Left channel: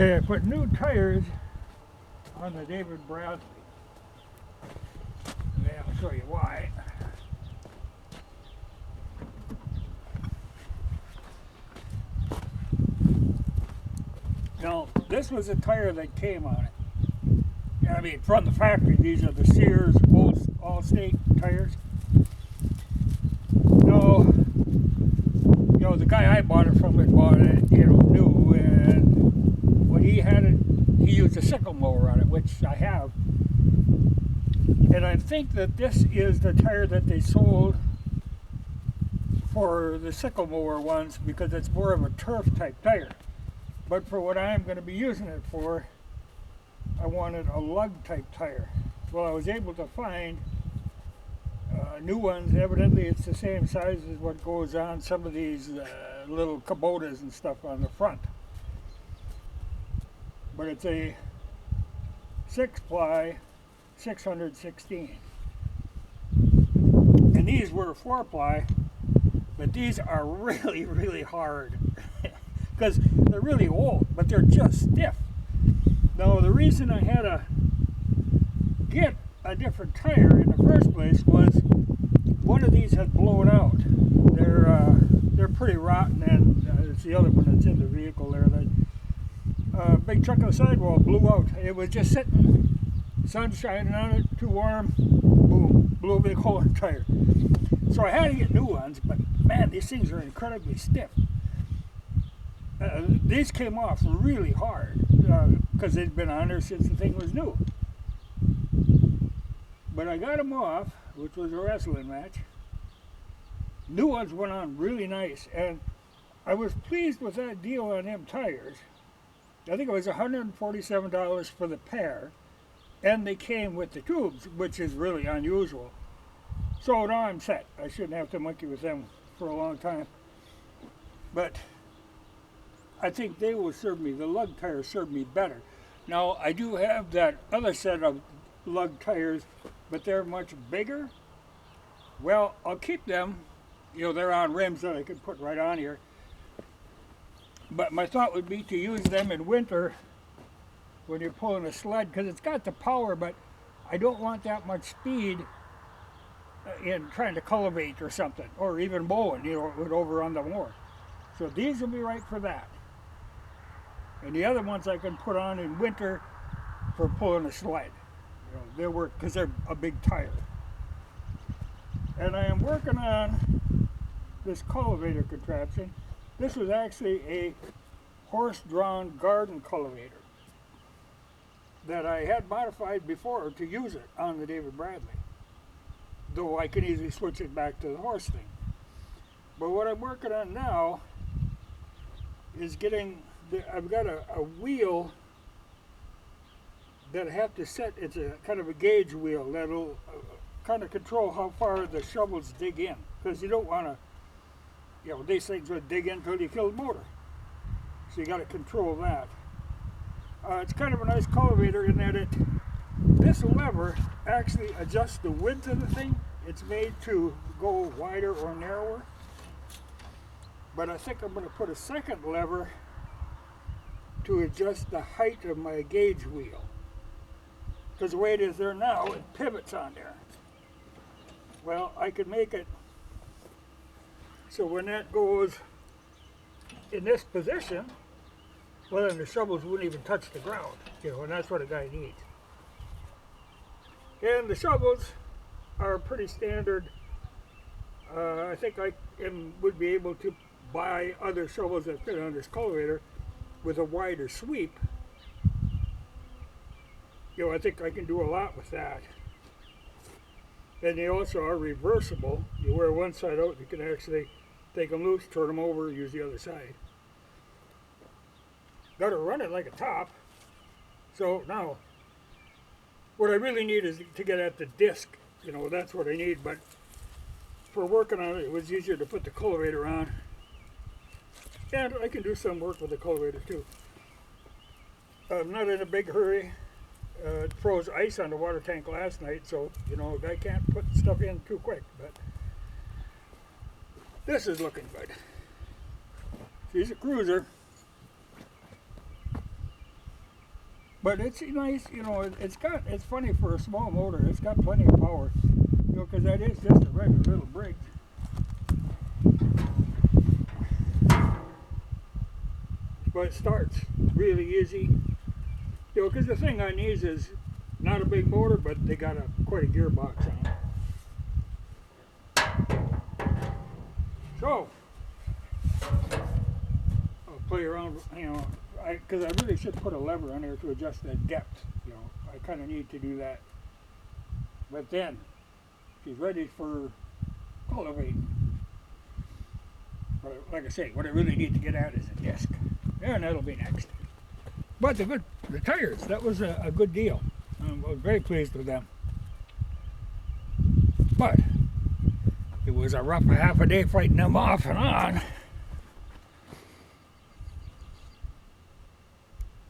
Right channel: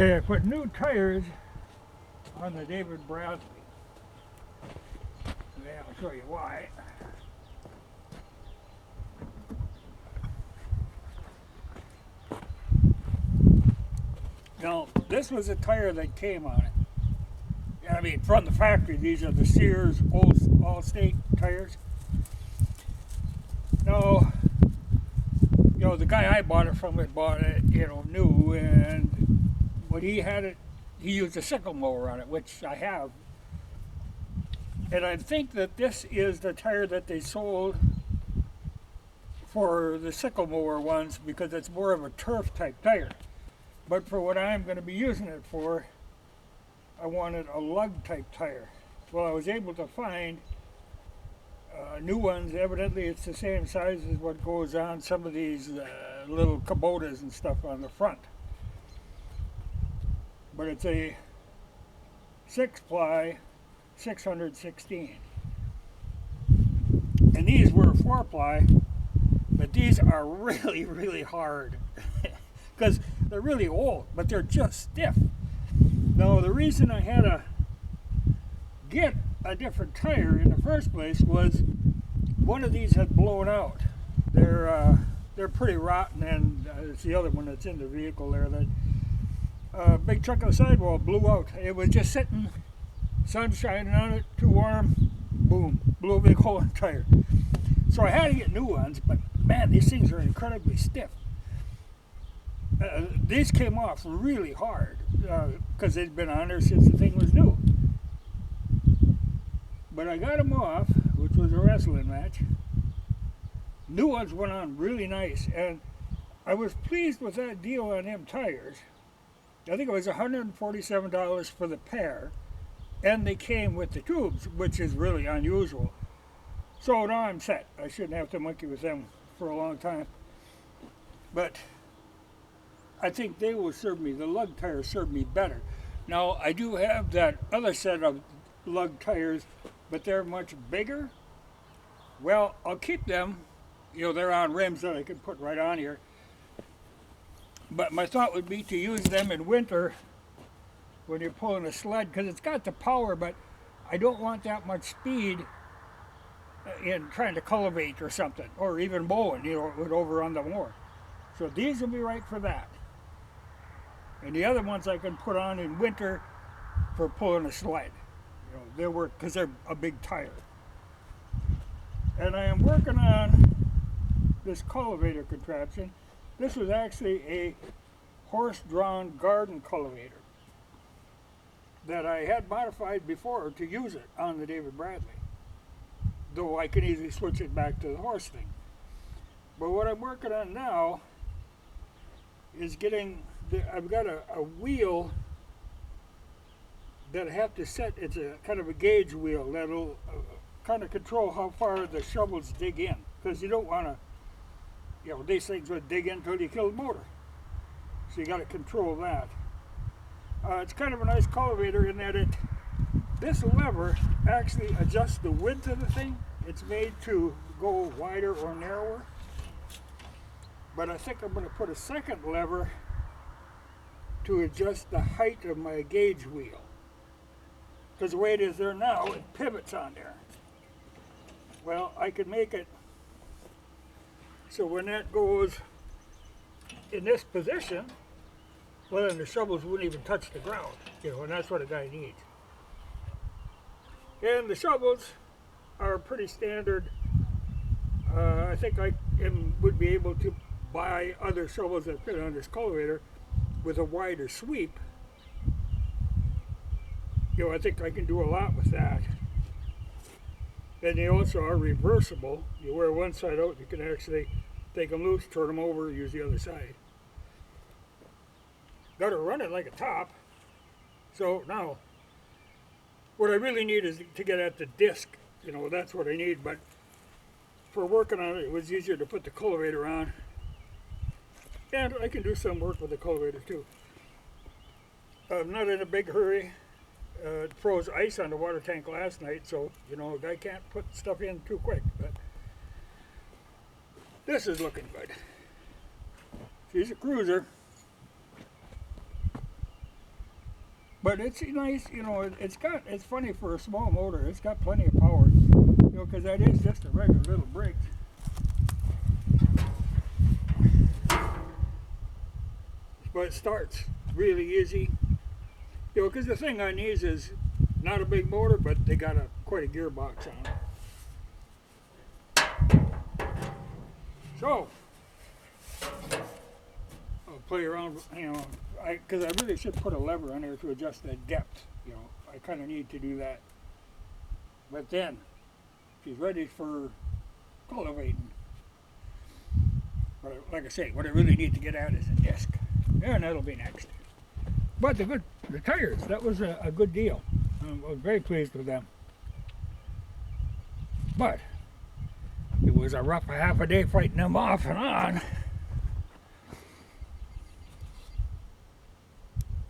Okay, I put new tires on the David Bradley. Yeah, I'll show you why. Now, this was a tire that came on it. I mean, from the factory, these are the Sears All-State tires. No, the guy I bought it from had bought it, new, and when he had it, he used a sickle mower on it, which I have. And I think that this is the tire that they sold for the sickle mower ones because it's more of a turf type tire. But for what I'm going to be using it for, I wanted a lug type tire. Well, I was able to find new ones. Evidently it's the same size as what goes on some of these little Kubotas and stuff on the front. But it's a 6-ply 616. And these were 4-ply, but these are really, really hard because they're really old, but they're just stiff. Now, the reason I had to get a different tire in the first place was one of these had blown out. They're pretty rotten, and it's the other one that's in the vehicle there. That big chunk of the sidewall blew out. It was just sitting, sun shining on it, too warm, boom, blew a big hole in the tire. So I had to get new ones, but man, these things are incredibly stiff. These came off really hard because they'd been on there since the thing was new. But I got them off, which was a wrestling match. New ones went on really nice, and I was pleased with that deal on them tires. I think it was $147 for the pair, and they came with the tubes, which is really unusual. So now I'm set. I shouldn't have to monkey with them for a long time. But I think they will serve me, the lug tires serve me better. Now, I do have that other set of lug tires, but they're much bigger. Well, I'll keep them. They're on rims that I can put right on here. But my thought would be to use them in winter when you're pulling a sled, because it's got the power, but I don't want that much speed in trying to cultivate or something, or even mowing, over on the mower. So these will be right for that. And the other ones I can put on in winter for pulling a sled. They'll work because they're a big tire. And I am working on this cultivator contraption. This was actually a horse-drawn garden cultivator that I had modified before to use it on the David Bradley, though I can easily switch it back to the horse thing. But what I'm working on now is I've got a wheel that I have to set. It's a kind of a gauge wheel that'll kind of control how far the shovels dig in, because you don't want to, these things would dig in until you kill the motor. So you got to control that. It's kind of a nice cultivator in that this lever actually adjusts the width of the thing. It's made to go wider or narrower. But I think I'm going to put a second lever to adjust the height of my gauge wheel. Because the way it is there now, it pivots on there. Well, I could make it so when that goes in this position, well, then the shovels wouldn't even touch the ground, and that's what a guy needs. And the shovels are pretty standard. I think I would be able to buy other shovels that fit on this cultivator with a wider sweep. I think I can do a lot with that. And they also are reversible. You wear one side out, you can actually take them loose, turn them over, use the other side. Got to run it like a top. So now, what I really need is to get at the disc. That's what I need. But for working on it, it was easier to put the cultivator on. And I can do some work with the cultivator too. I'm not in a big hurry. It froze ice on the water tank last night, so a guy can't put stuff in too quick. But this is looking good. She's a cruiser. But it's nice, you know. It's funny for a small motor. It's got plenty of power, you know, because that is just a regular little brake. But it starts really easy, you know, because the thing on these is not a big motor, but they got quite a gearbox on it. So I'll play around, you know, because I really should put a lever on there to adjust the depth, you know. I kind of need to do that. But then she's ready for cultivating. But like I say, what I really need to get at is a disc. And that'll be next. But the tires, that was a good deal. I was very pleased with them. But it was a rough half a day fighting them off and on.